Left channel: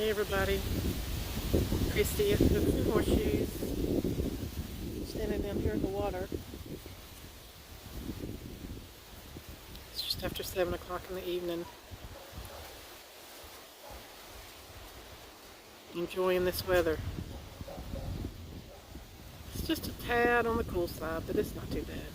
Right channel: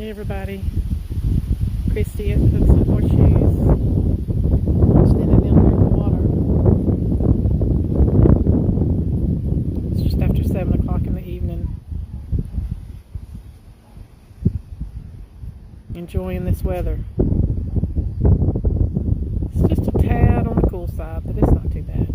Hey everybody, Christy at Hooks and Horseshoes, standing down here in the water. It's just after 7 o'clock in the evening. Enjoying this weather. It's just a tad on the cool side, but it's not too bad.